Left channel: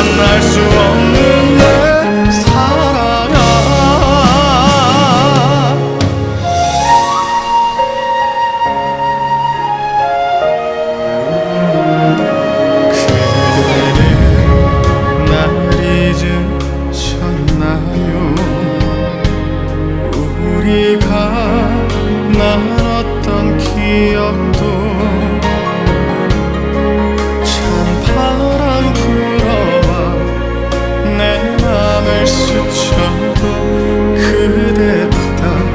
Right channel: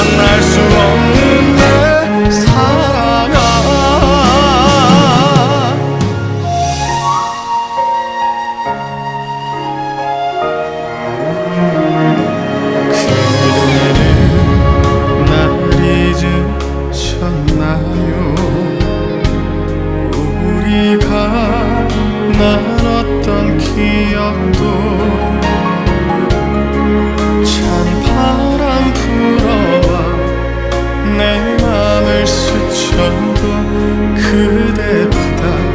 만날 수 없는 내 사랑아. 그대는 날 잊으셨나요? 우리가 나눴던 기억도 맘을 스쳐도 그대보다